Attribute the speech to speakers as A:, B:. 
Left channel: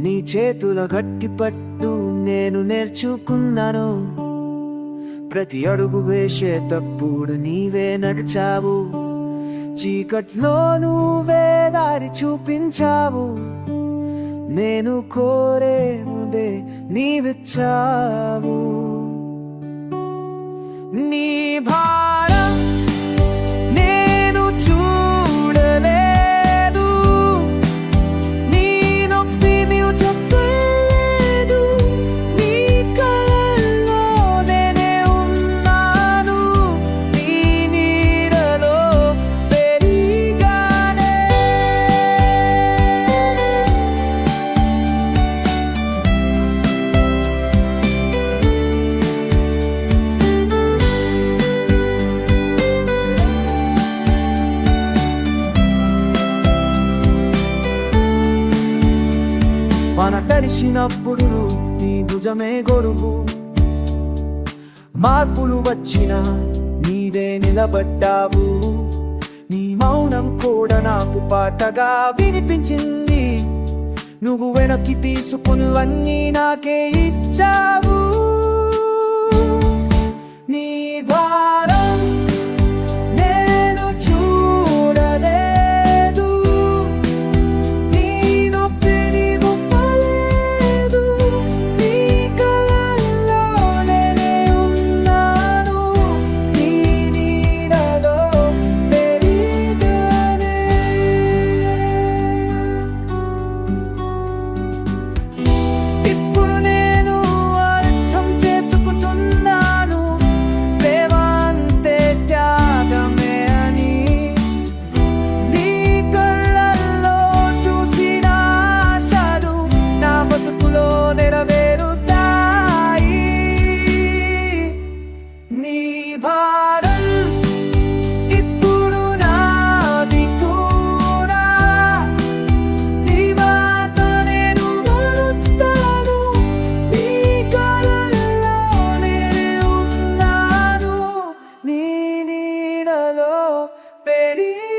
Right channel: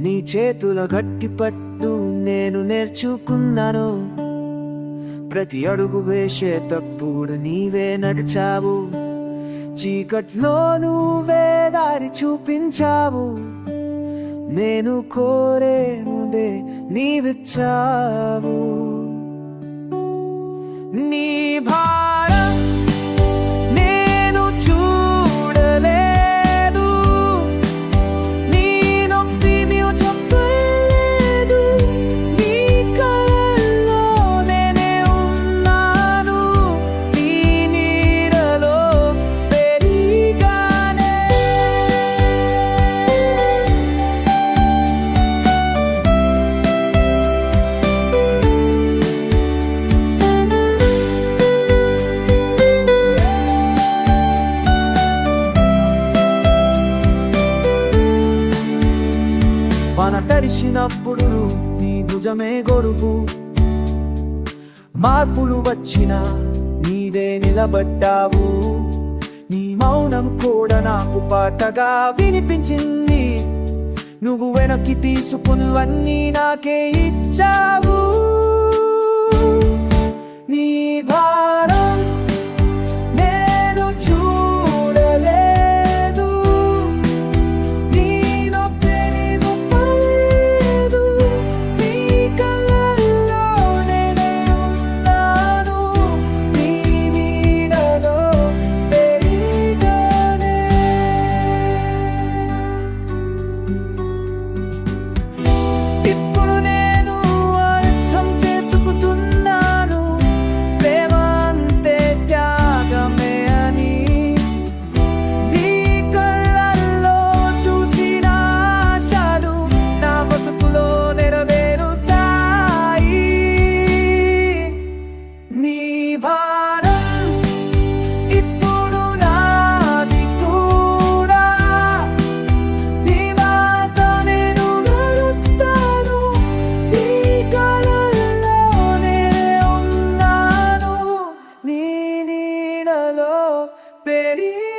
A: నీ చేతుల గట్టి పట్టు నేను నేర్చుకున్నాను. ప్రతి అడుగు వేసే తప్పుడు నీవే నడిచావు. చీకట్లో నువ్వే దారి చూపించావు. నేను కోరే ముందే నీవిచ్చావు. నీ భా మన తడిసినప్పుడు నీ భుజమే గొడుగు మార్పులు వచ్చినా నీదే నిలబడ్డావు. నీ మౌనం కూడా నాకు పాటగా వినిపించింది. నువ్వు వెనక్కి తీసుకున్నవన్నీ నాకే ఇచ్చావు. నీ భారం ఇప్పుడు నాది కూడా నీ మాట నేను నడుస్తాను నీ కలలో నేనే ఉన్నాను నీ నీడలో పెరిగి